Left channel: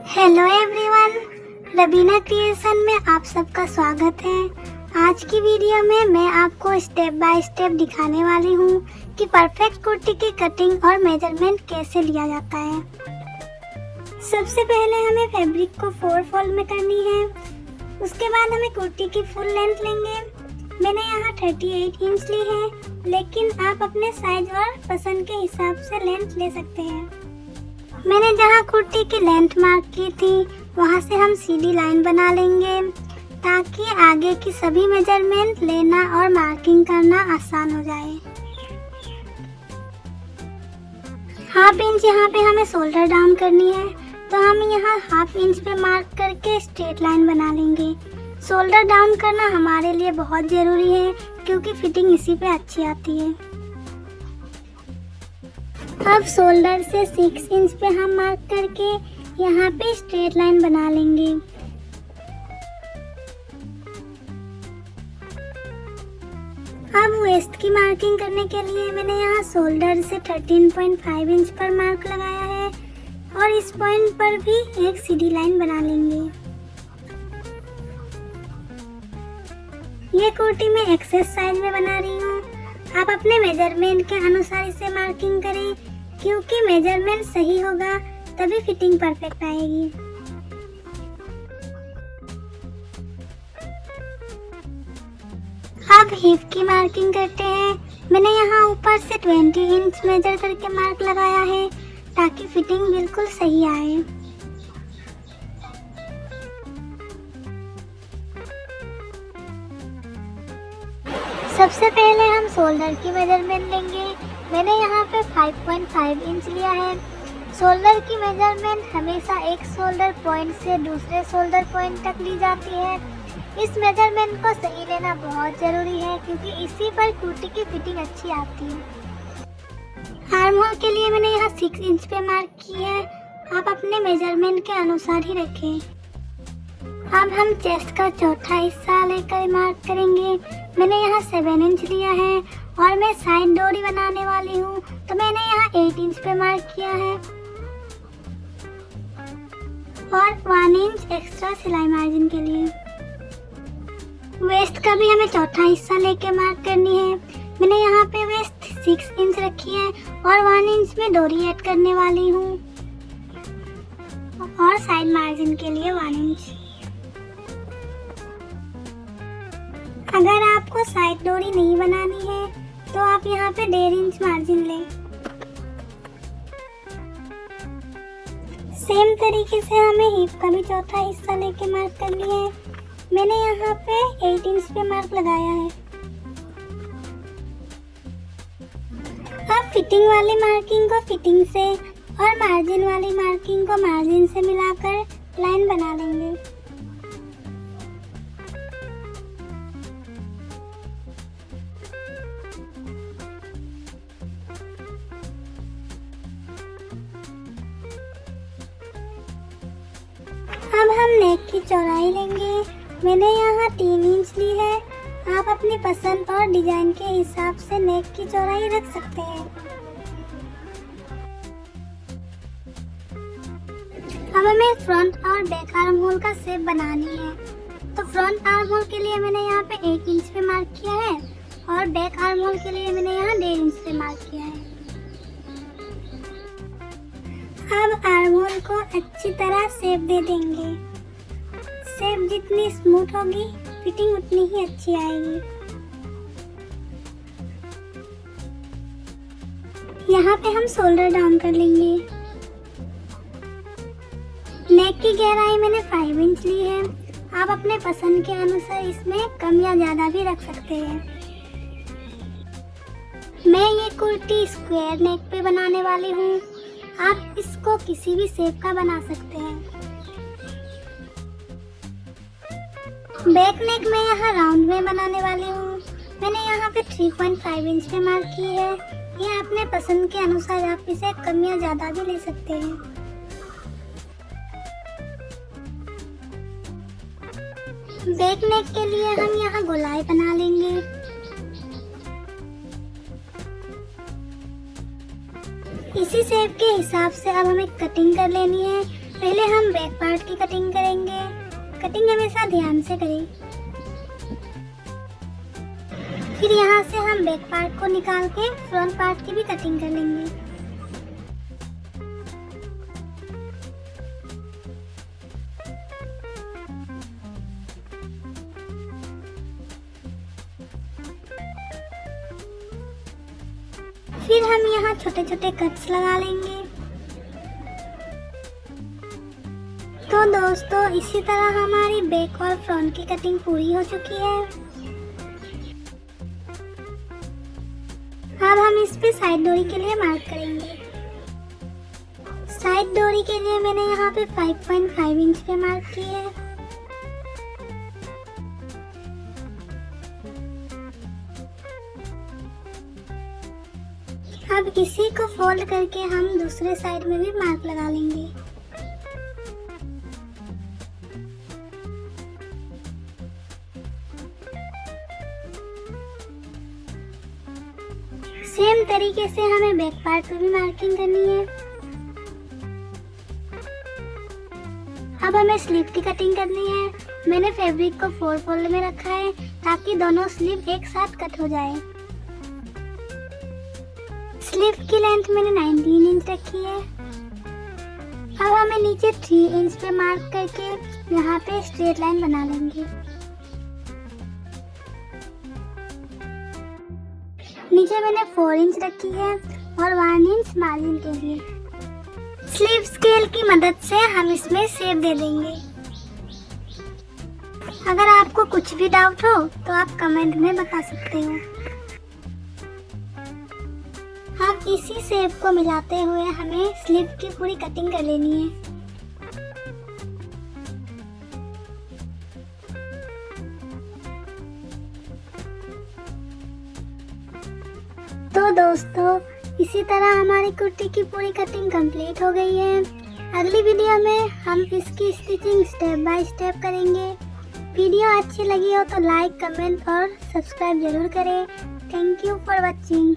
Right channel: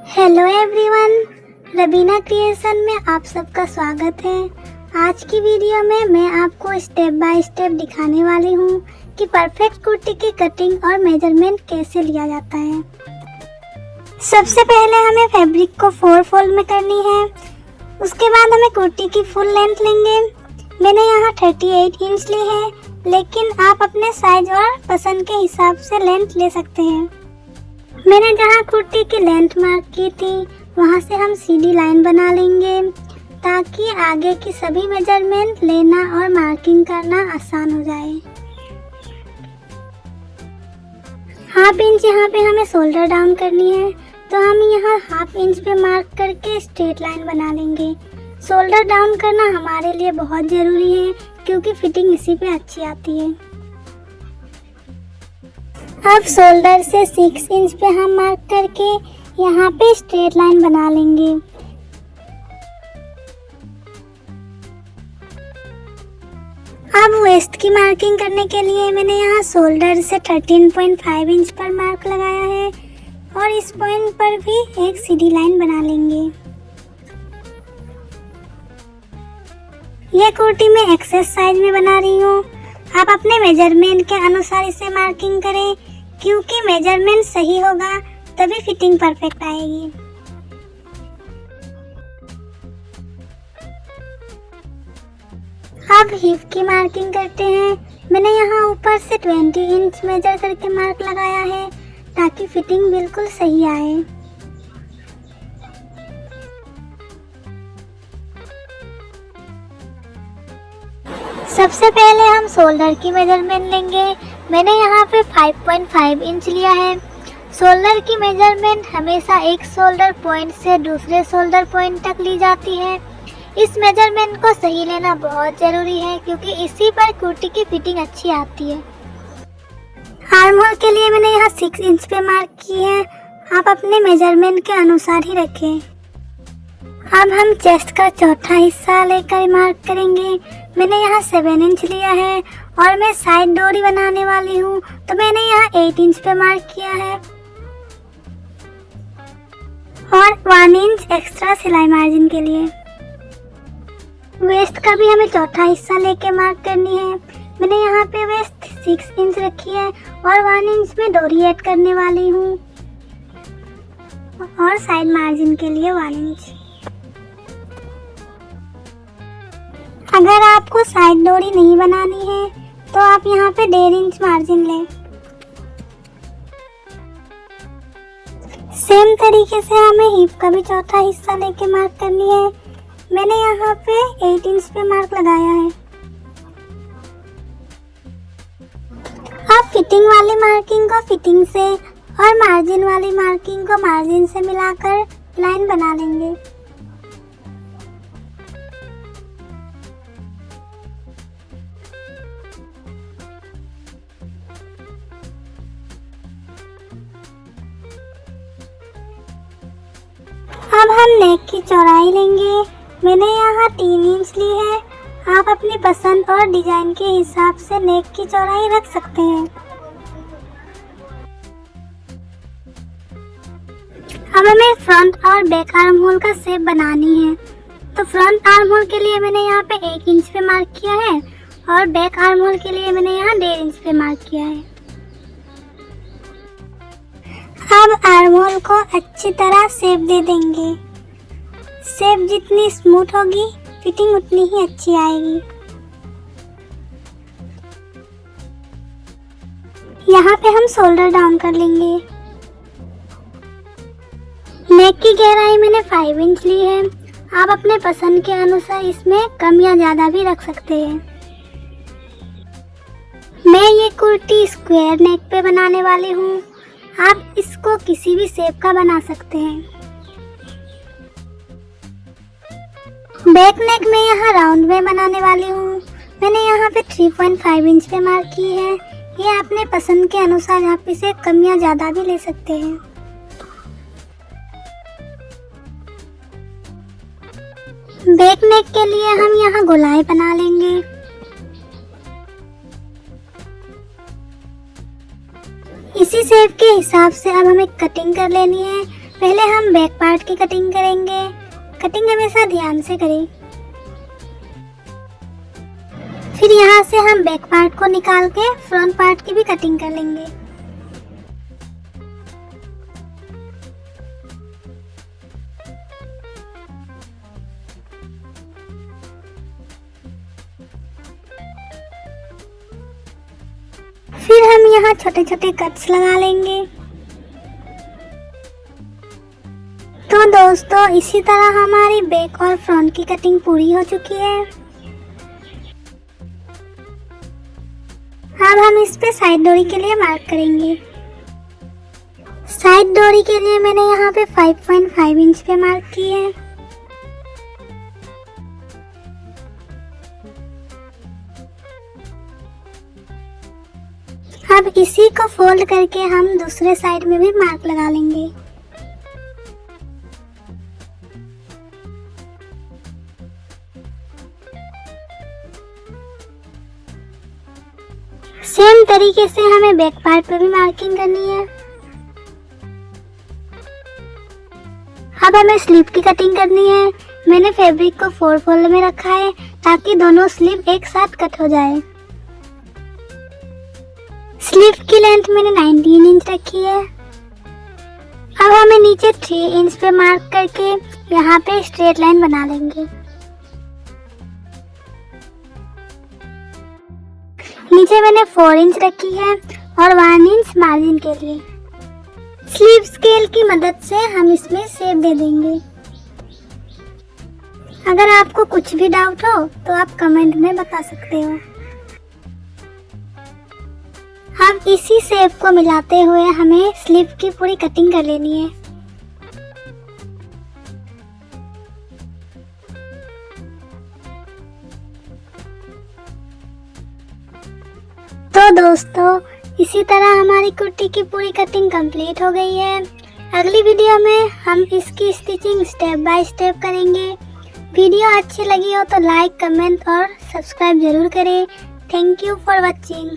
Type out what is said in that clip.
Hello everyone, Rabina creation में आप सबका स्वागत है। आज की वीडियो में मैं आपको स्टेप बाय स्टेप दिखाने वाली हूँ कि परफेक्ट कुर्ती की कटिंग और मेजरमेंट कैसे लिया जाता है। सबसे पहले हमें फैब्रिक को 4 फोल्ड में करनी है। उसके बाद हमें कुर्ती की फुल लेंथ लेंगे। मैंने यहाँ 38 इंच ली है, लेकिन आप अपने साइज और पसंद के हिसाब से लेंथ ले सकते हैं। मैंने जहाँ कुर्ती की लेंथ मार्क की थी वहाँ से हम सीधी लाइन बना लेंगे ताकि आगे की सभी मेजरमेंट लेना और मार्किंग करना आसान हो जाए। हाफ इंच यहाँ पे हमें शोल्डर डाउन करनी है, तो हम यहाँ हाफ इंच पे मार्क करके स्ट्रेट लाइन बना लेंगे। शोल्डर डाउन करना हमारे लिए बहुत ज़रूरी है क्योंकि फिटिंग इसी पे अच्छी आती है। अब शोल्डर से 6 इंच पे हम मार्क करके यहाँ पे स्ट्रेट लाइन बना लेंगे। अब वेस्ट की मार्किंग करने के लिए मैंने यहाँ शोल्डर से 13.5 इंच पर मार्क लगाया है और इस पॉइंट पर भी एक सीधी लाइन बना लेंगे। ये कुर्ती मैं एक्सेस साइज में बना रही हूँ। आप अपने मेजरमेंट के अनुसार इसे मार्किंग करें क्योंकि मेजरमेंट सही होगा तभी फिटिंग परफेक्ट आएगी। अब हिप की मार्किंग करते हैं। मैंने यहाँ ऊपर से 20 इंच मेजर करके मार्क लगाया है ताकि फिटिंग बिल्कुल सही आए। सबसे पहले हम शोल्डर की मेजरमेंट लेंगे। मैंने यहाँ पे 5.5 इंच लिया है। शोल्डर की मेजरमेंट हमेशा एक शोल्डर पॉइंट से दूसरे शोल्डर पॉइंट तक ली जाती है। इस मेजरमेंट को सही लेना बहुत ज़रूरी है क्योंकि इसी पर कुर्ती की फिटिंग अच्छी आती है। आर्म होल के लिए मैंने यहाँ 6 इंच पे मार्क की है। आप अपने मेजरमेंट के अनुसार ही रखें। अब हम चेस्ट का चौथा हिस्सा लेकर मार्क करेंगे। मैंने यहाँ 7 इंच लिया है और मैं साइड डोरी बनाने वाली हूँ, तो मैंने यहाँ 8 इंच पे मार्क किया है और 1 इंच एक्स्ट्रा सिलाई मार्जिन के लिए। वेस्ट का भी हमें चौथा हिस्सा लेके मार्क करनी है। मैंने यहाँ पे वेस्ट 6 इंच रखी है और 1 इंच में डोरी ऐड करने वाली हूँ और साइड मार्जिन के लिए 1 इंच। अगर आपको साइड डोरी नहीं बनानी है तो आप यहाँ पे 1.5 इंच मार्जिन लें। सेम तरीके से हमें हिप का भी चौथा हिस्सा लेके मार्क करनी है। मैंने यहाँ पे 8 इंच पे मार्क लगाया है। अब फिटिंग वाली मार्किंग को फिटिंग से और मार्जिन वाली मार्किंग को मार्जिन से मिलाकर लाइन बना लेंगे। अब हम नेक की चौड़ाई लेंगे। मैंने यहाँ 3 इंच ली है। आप अपनी पसंद और डिजाइन के हिसाब से नेक की चौड़ाई रख सकते हैं। अब हमें फ्रंट और बैक आर्म होल का शेप बनानी है, तो फ्रंट आर्म होल के लिए मैंने यहाँ पे 1 इंच पे मार्क किया है और बैक आर्म होल के लिए मैंने यहाँ 1.5 इंच पे मार्क किया है। अब आर्म होल को अच्छी तरह शेप दे देंगे। शेप जितनी स्मूथ होगी फिटिंग उतनी ही अच्छी आएगी। यहाँ पे हम शोल्डर डाउन कर लेंगे। नेक की गहराई मैंने 5 इंच ली है। आप अपने पसंद के अनुसार इसमें कम या ज़्यादा भी रख सकते हैं। मैं ये कुर्ती स्क्वायर नेक पे बनाने वाली हूँ। आप इसको किसी भी शेप का बना सकते हैं। बैक नेक में यहाँ राउंड में बनाने वाली हूँ। मैंने यहाँ पे 3.5 इंच पे मार्क की है। ये अपने पसंद के अनुसार आप इसे कम या ज़्यादा भी ले सकते हैं। बैक नेक के लिए हम यहाँ गोलाई बना लेंगे। इसी शेप के हिसाब से अब हमें कटिंग कर लेनी है। पहले हम हम बैक पार्ट की कटिंग करेंगे। कटिंग हमेशा ध्यान से करें। फिर यहाँ से हम बैक पार्ट को निकाल के फ्रंट पार्ट की भी कटिंग कर लेंगे। फिर हम यहाँ छोटे छोटे कट्स लगा लेंगे। तो दोस्तों, इसी तरह हमारी बैक और फ्रंट की कटिंग पूरी हो चुकी है। अब हम इस पे साइड डोरी के लिए मार्क करेंगे। साइड डोरी के लिए मैंने यहाँ पे 5.5 इंच पे मार्क की है। अब इसी को फोल्ड करके हम दूसरे साइड में भी मार्क लगा लेंगे। सेम तरीके से हमें बैक पार्ट पे भी मार्किंग करनी है। अब हमें स्लीव की कटिंग करनी है। मैंने फैब्रिक को 4 फोल्ड में रखा है ताकि दोनों स्लीव एक साथ कट हो जाए। स्लीव की लेंथ मैंने 19 इंच रखी है। अब हमें नीचे 3 इंच पे मार्क करके यहाँ पे स्ट्रेट लाइन बना लेंगे। नीचे मैंने 4 इंच रखी है और 1 इंच मार्जिन के लिए। स्लीव स्केल की मदद से हम इसमें शेप दे देंगे। अगर आपको कुछ भी डाउट हो तो आप कमेंट में बता सकते हो। अब इसी शेप को मिलाते हुए हमें स्लीव की पूरी कटिंग कर लेनी है। तो दोस्तों, इसी तरह हमारी कुर्ती की पूरी कटिंग कंप्लीट हो गई है। अगली वीडियो में हम इसकी स्टिचिंग स्टेप बाय स्टेप करेंगे। वीडियो अच्छी लगी हो तो लाइक, कमेंट और सब्सक्राइब जरूर करें। Thank you for watching.